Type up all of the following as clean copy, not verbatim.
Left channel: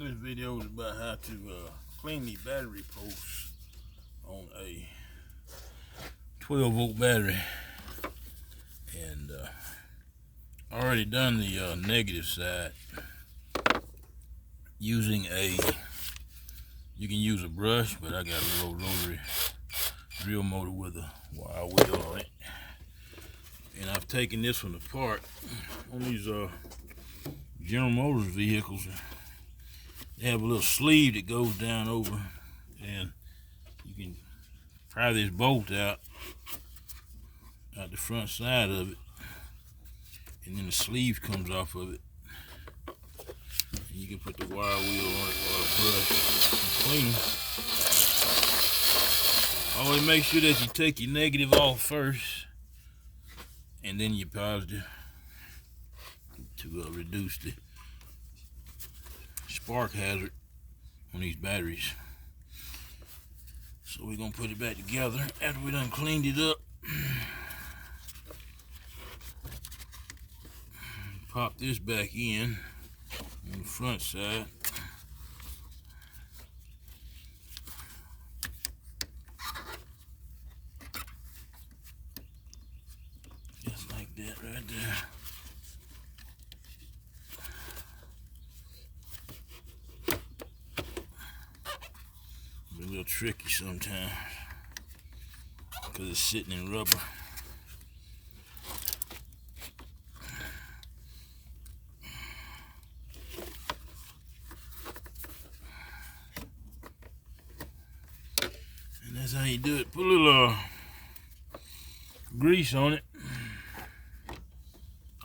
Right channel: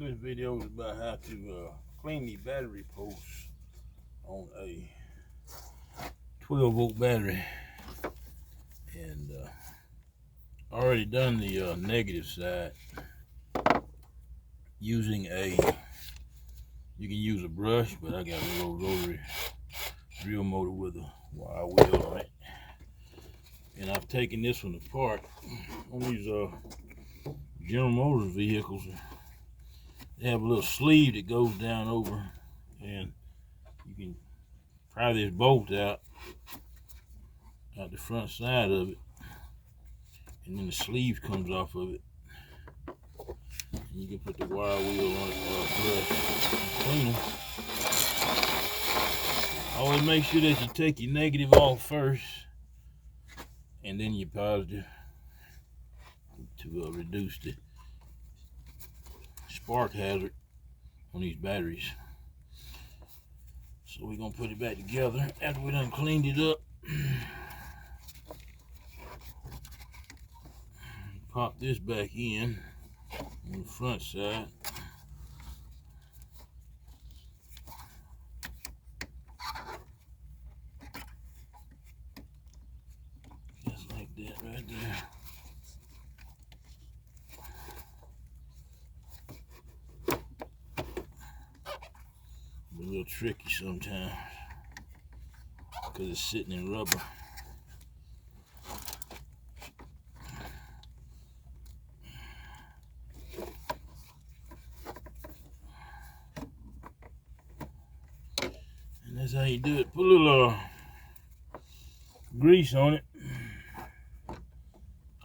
This video is about how to clean the battery posts on a 12-volt battery. And I already done the negative side using you can use a brush, but I got a little rotary drill motor with a wire wheel on it. And I've taken this one apart on these General Motors vehicles. They have a little sleeve that goes down over, and you can pry this bolt out the front side of it, and then the sleeve comes off of it. And you can put the wire wheel on it or a brush and clean. Always make sure that you take your negative off first and then your positive to reduce the spark hazard on these batteries. So we're gonna put it back together after we done cleaned it up. Pop this back in on the front side. Just like that right there. A little tricky sometimes because it's sitting in rubber. And that's how you do it. Put a little grease on it.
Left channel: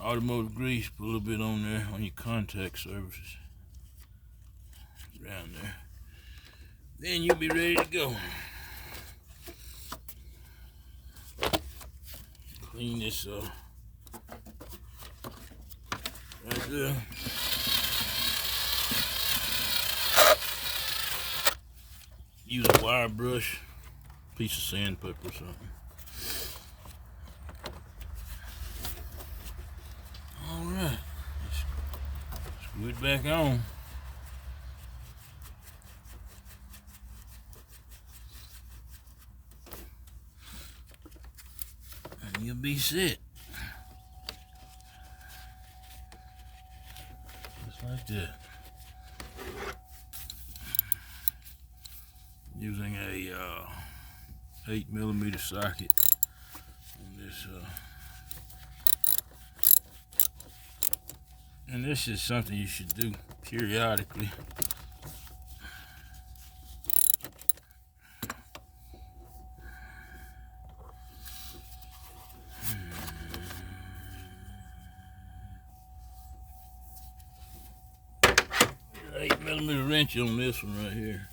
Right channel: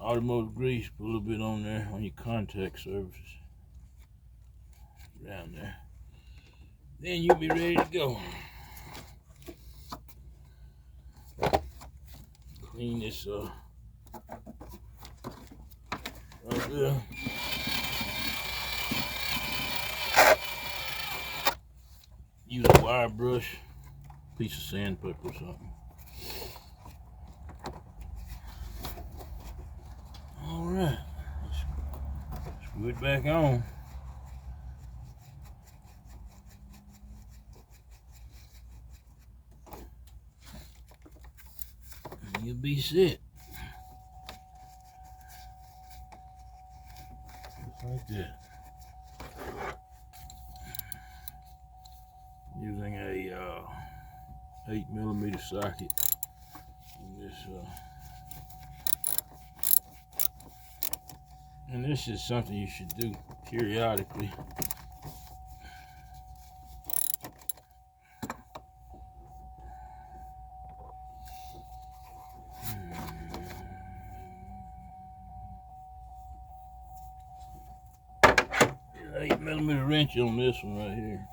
Automotive grease, put a little bit on there on your contact surfaces. Around there. Then you'll be ready to go. Clean this right there. Use a wire brush, piece of sandpaper or something. All right, screw it back on. You'll be set. Just like that. Using a 8mm socket on this. And this is something you should do periodically. An 8mm wrench on this one right here.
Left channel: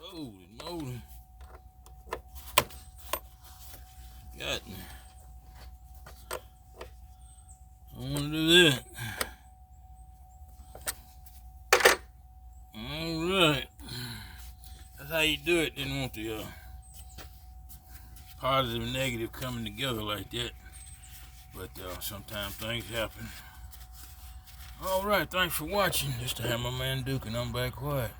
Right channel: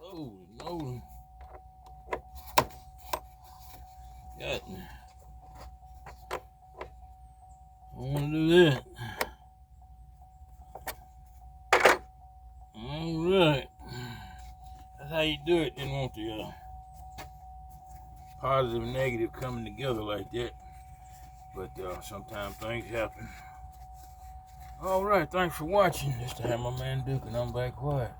Holy moly. Got me. I want to do that. Alright. That's how you do it. Didn't want the positive and negative coming together like that. But sometimes things happen. Alright, thanks for watching. This is the Hammerman Duke, and I'm back quiet.